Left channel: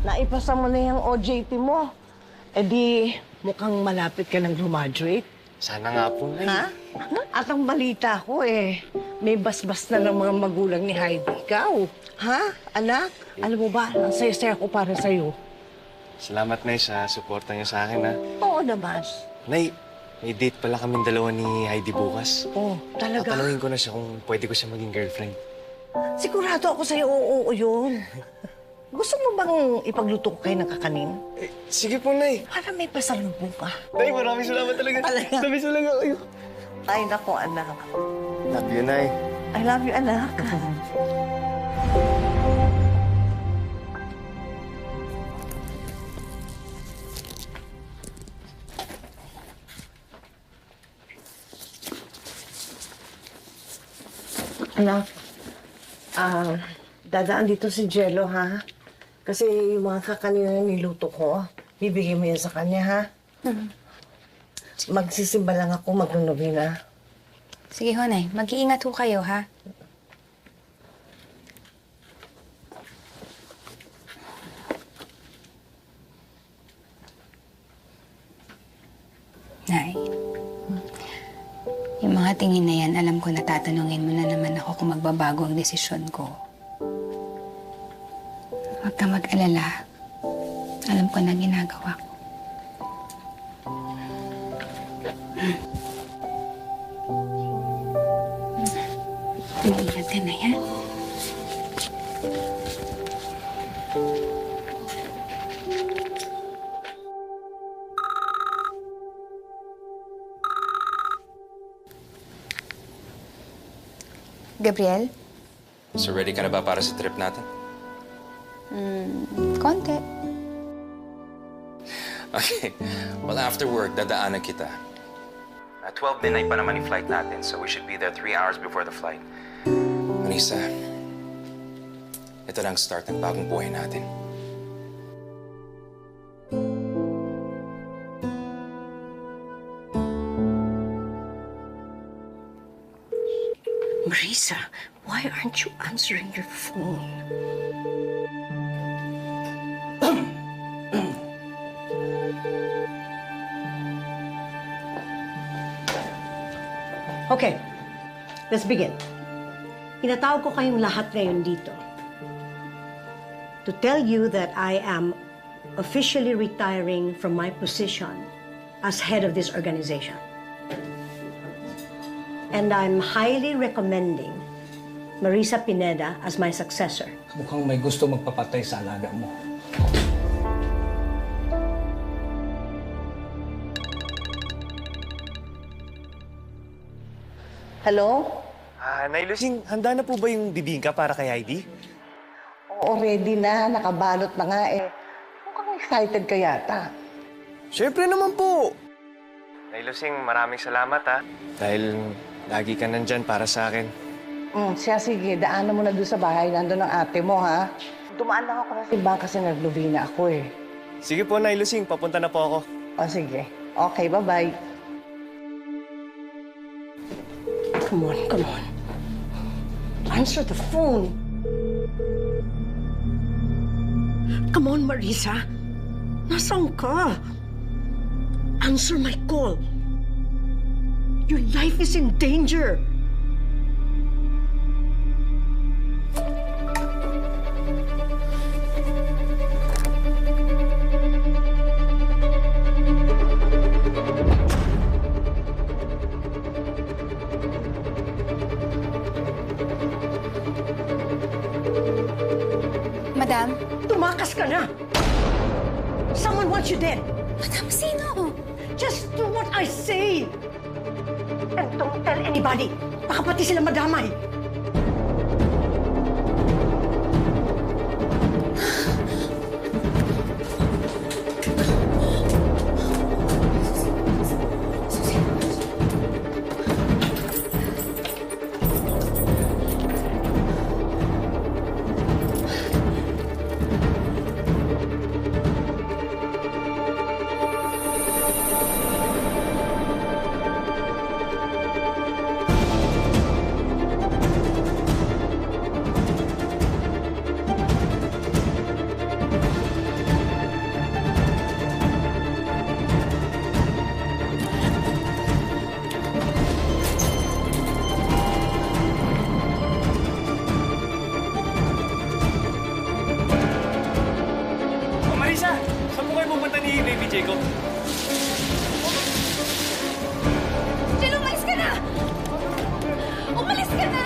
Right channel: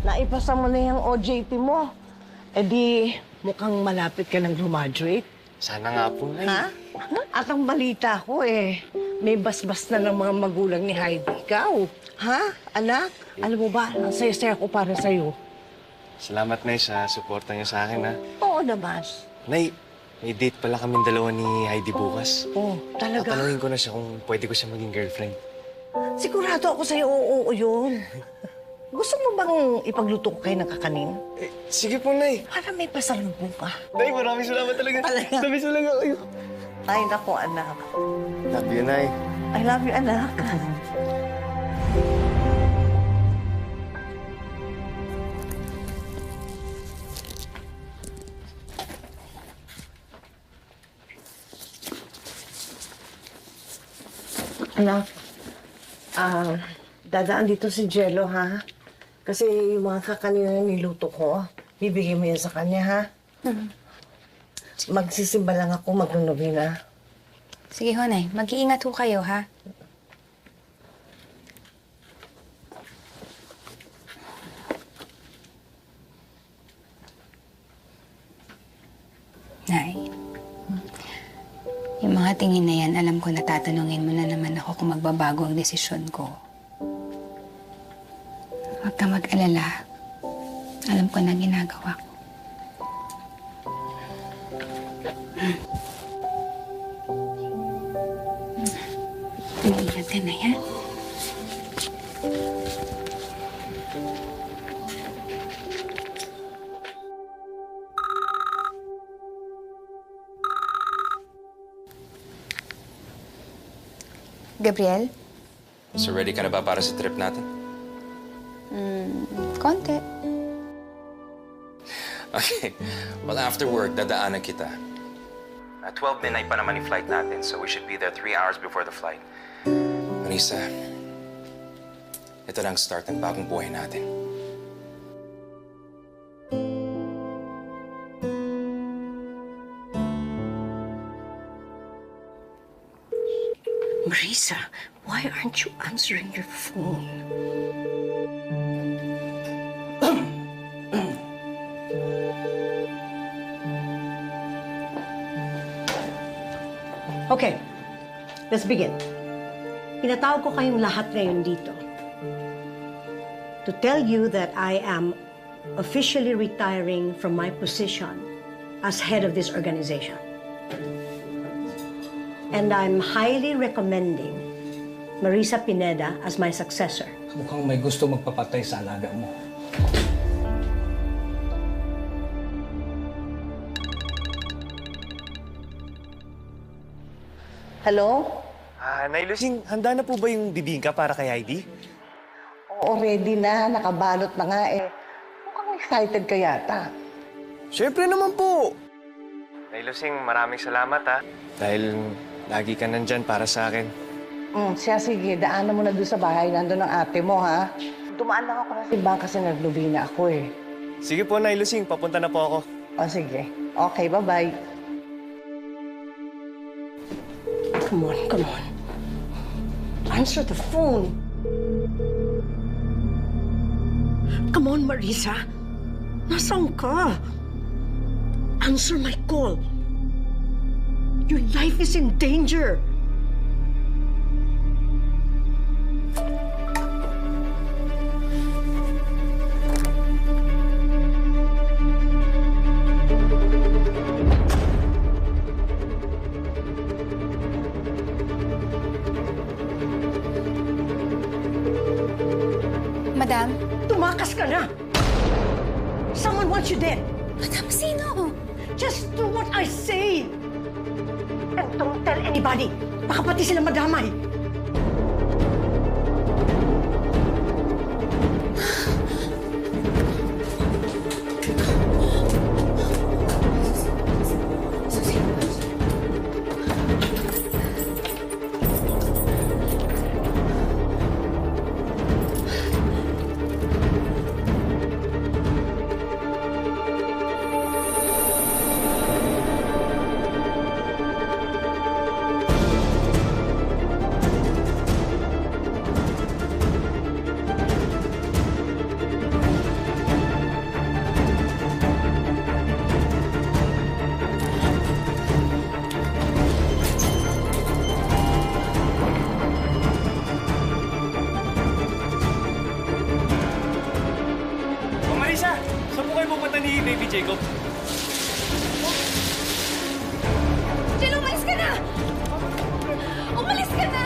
naipasa mo na yung OJT mo. Eh di, mukhang malapit ka ng graduate. Sana nga po, Nay. Ha? At ang balita ko may basbas na ng mga magulang ni Heidi. Ikaw, ha? Anak, alam mo ba, ang saya-saya ko para sa'yo. Salamat, Nay, sa suporta niyo sa akin, ha. Oo naman. Nay, may date pala kaming dalawa ni Heidi bukas. Oh, talaga? Tatanungin ko na siya kung pwede ko siya maging girlfriend. Sigurado ako sa'yo, oo yun. Gusto mo bang ipagluto ko kayo ng kakanin? Sige po, Nay. Para may pasalubong ka. Nay, maraming salamat talaga. Talaga? Namiss mo lang ako. Ay, naku, anak. Love you, Nay. I love you, anak. Anak, dadaan dito si Jello, ha? Kasi yung mga kakanin na niluto ko, bibigay mo yan sa kanya, ha? Magsisimba lang ako, magnunubina. Sige ho, Nay. Mag-iingat ho kayo, ha? Nay, yung mga tingin na yan, alam ko na tatanungin mo na naman ako kung magbabago ang desisyon ko. Huwag ka mag-alala. Alam ko na ginagawa ko. Ingat ka na yan. Gabriel? So ready ka na ba para sa trip natin? Konti. Okay. Well, after work, dadaanan kita. At 12 midnight pa naman yung flight natin, so we should be there 3 hours before the flight. Marisa, ito lang start ng bagong buhay natin. Marisa, why aren't you answering your phone? Okay, let's begin. Pinatawag ko kayong lahat ngayon dito to tell you that I am officially retiring from my position as head of this organization. And I'm highly recommending Marisa Pineda as my successor. Mukhang may gusto magpapatay sa alaga mo. Hello? Nay Lucing, handa na po ba yung bibingka para kay Heidi? Oo, ready na. Nakabalot na nga eh. Mukhang excited ka yata. Siyempre naman po! Nay Lucing, maraming salamat, ha. Dahil lagi ka nandyan para sa akin. Siya, sige. Daanan mo na doon sa bahay. Nandun ang ate mo, ha? Dumaan lang ako ng simbahan kasi naglubina ako eh. Sige po, Nay Lucing. Papunta na po ako. O, sige. Okay, bye-bye. Come on, come on. Answer the phone. Come on, Marisa. Nasaan ka? Answer my call. Your life is in danger. Madam? Tumakas ka na! Someone wants you dead. Madam, sino? Just do what I say. And don't tell anybody. Baka pati sila madamay. pupunta ni Baby Jacob? Jill, umalis ka na! Umalis ka na!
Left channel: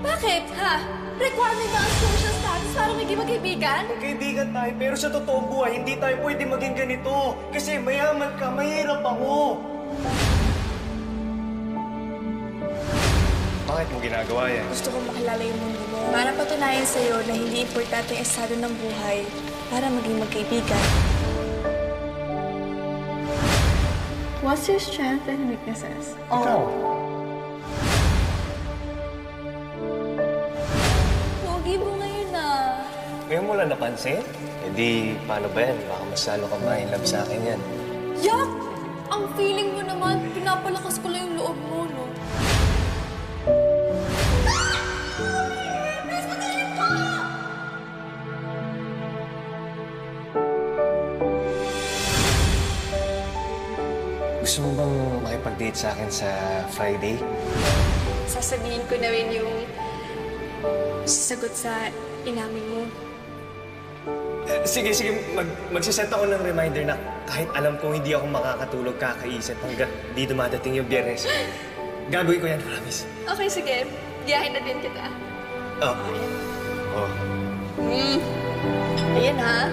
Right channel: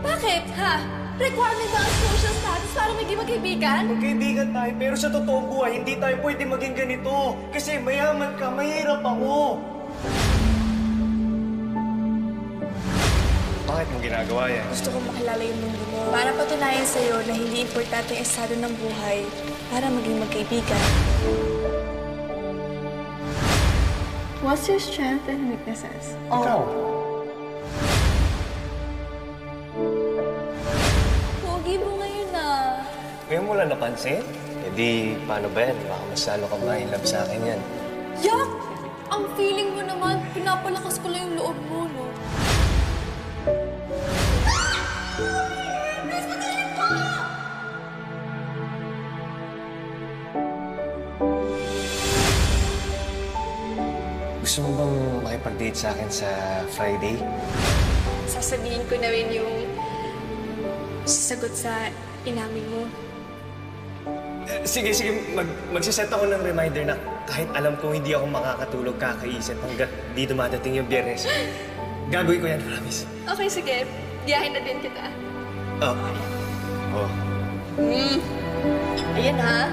Bakit, ha? Requirement ba ang social status para maging magkaibigan? Magkaibigan tayo, pero sa totoong buhay, hindi tayo pwede maging ganito. Kasi mayaman ka, mahirap ako. Bakit mo ginagawa yan? Gusto kong makilala yung mundo mo para patunayan sa'yo na hindi importante ang estado ng buhay para maging magkaibigan. What's your strength and weaknesses? Ikaw. Pogi mo ngayon ah. Ngayon mo lang napansin? Eh di, paano ba yan? Baka mas lalo ka ma-inlove sa akin yan. Yak! Ang feeling mo naman, pinapalakas ko lang yung loob mo, no? Gusto mo bang makipag-date sa akin sa Friday? Sasabihin ko na rin yung sasagot sa inamin mo. Sige, magsiset ako ng reminder na kahit alam kong hindi ako makakatulog kakaisip hanggang di dumadating yung Biyernes. Gagawin ko yan, promise. Okay, sige. Giyahin na din kita. Oh. Oh. Ayan ha.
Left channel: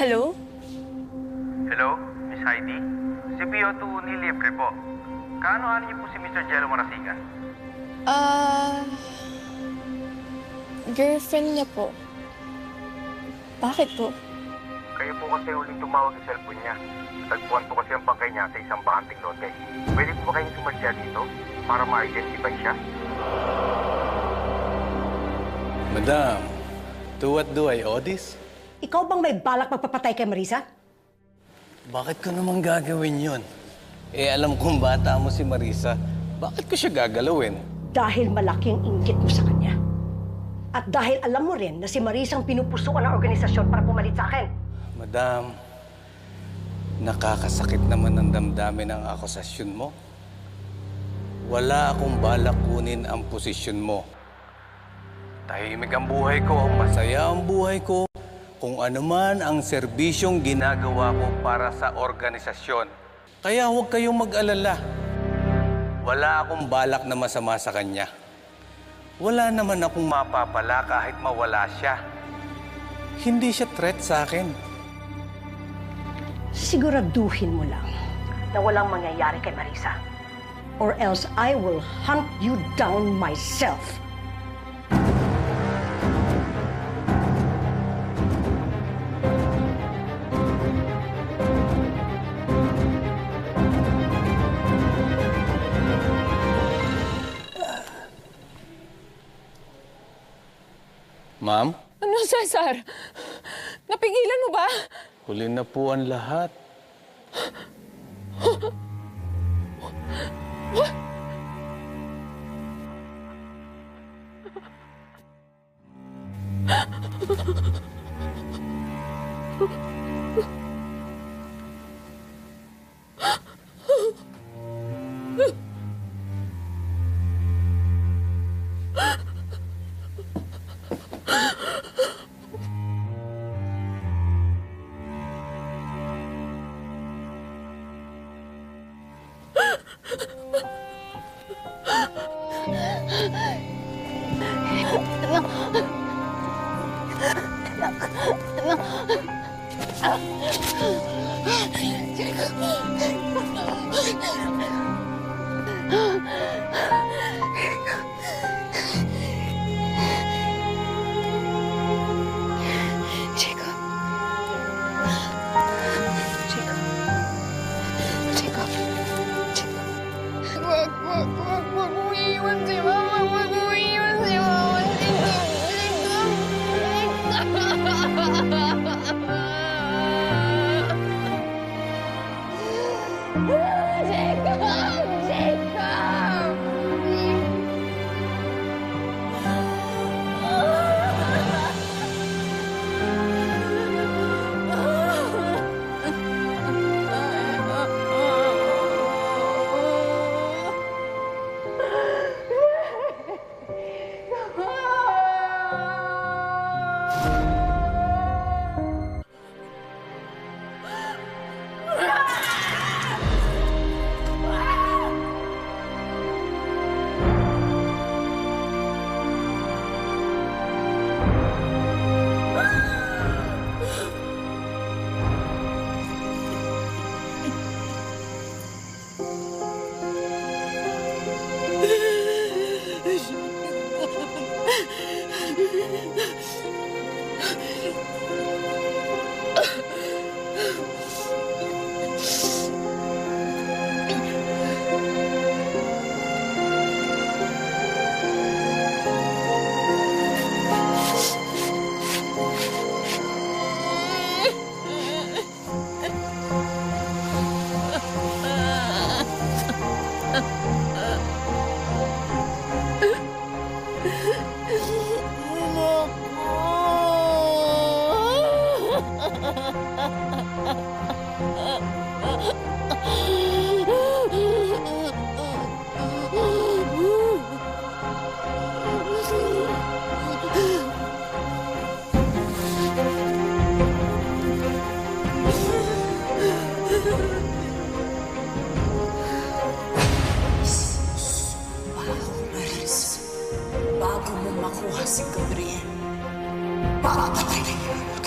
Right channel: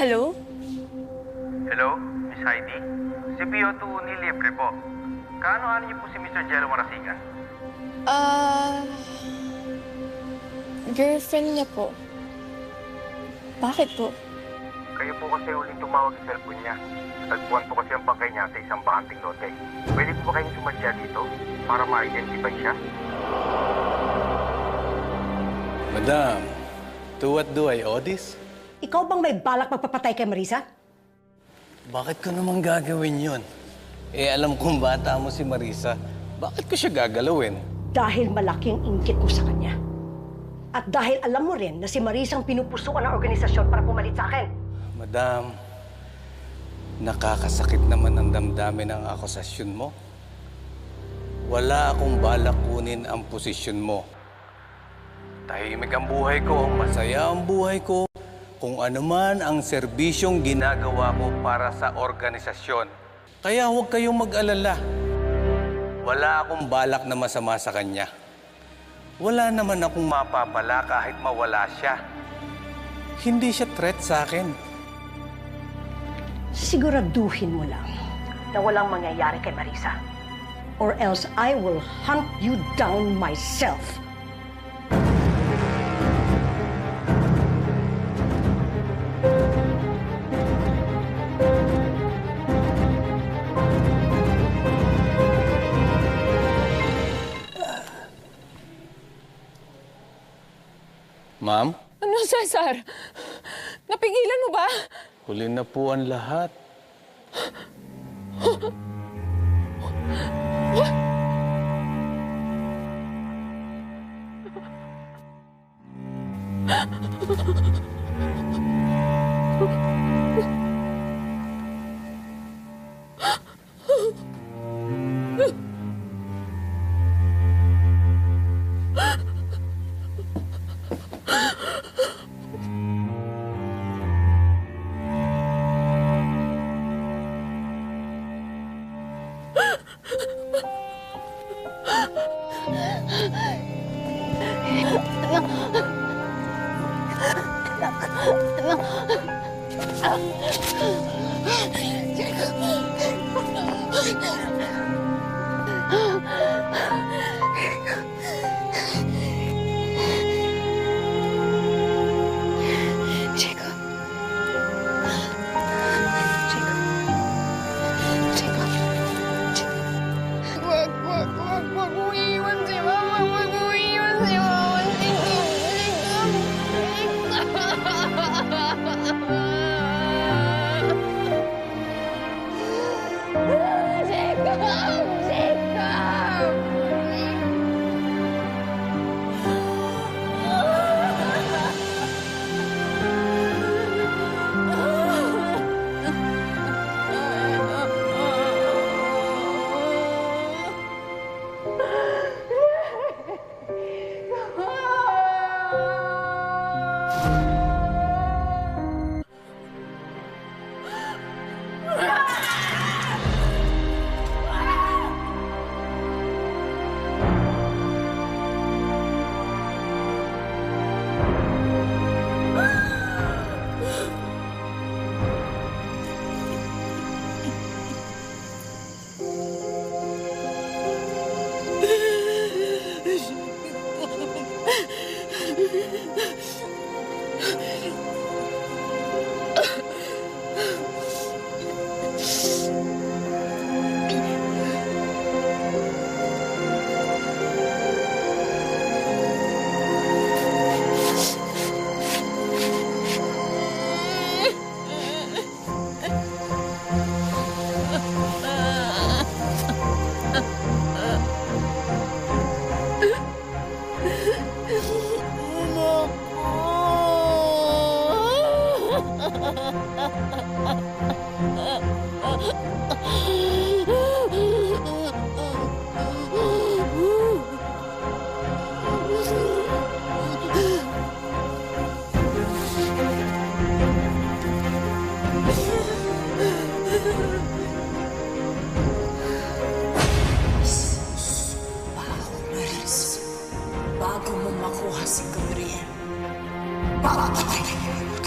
Hello? Hello, Miss Heidi? Si Pio2 ni Libre po. Kaano-ano niyo po si Mr. Jello Marasigan? Girlfriend niya po. Bakit po? Kayo po kasi huling tumawag sa cellphone niya. Tagpuan po kasi ang bangkay niya sa isang bakanting lote. Pwede po ba kayong sumadya dito para ma-identify siya? Madam, to what do I owe this? Ikaw bang may balak magpapatay kay Marisa? Bakit ko naman gagawin yun? Eh, alam kong bata mo si Marisa. Bakit ko siya gagalawin? Dahil malaking inggit mo sa kanya. At dahil alam mo rin na si Marisa ang pinupusuan ng organisasyon para pumalit sa akin. Madam, nakakasakit naman ang damdamin ng akusasyon mo. Wala akong balak kunin ang posisyon mo. Tahimik ang buhay ko, masaya ang buhay ko. Kung ano man ang serbisyong ginagawa ko para sa organisasyon. Kaya huwag kayong mag-alala. Wala akong balak na masama sa kanya. Wala naman akong mapapala kahit mawala siya. Hindi siya threat sa akin. Siguraduhin mo lang na walang mangyayari kay Marisa. Or else I will hunt you down myself. Ma'am, Ano, Cesar? Napigilan mo ba? huli na po ang lahat. Jacob. Jacob. Jacob. Jacob. Wag mo iiwan si Mama. Wag mo iiwan si Mama. Jacob! Jacob! Bago mo makuha si Gabriel, papatayin.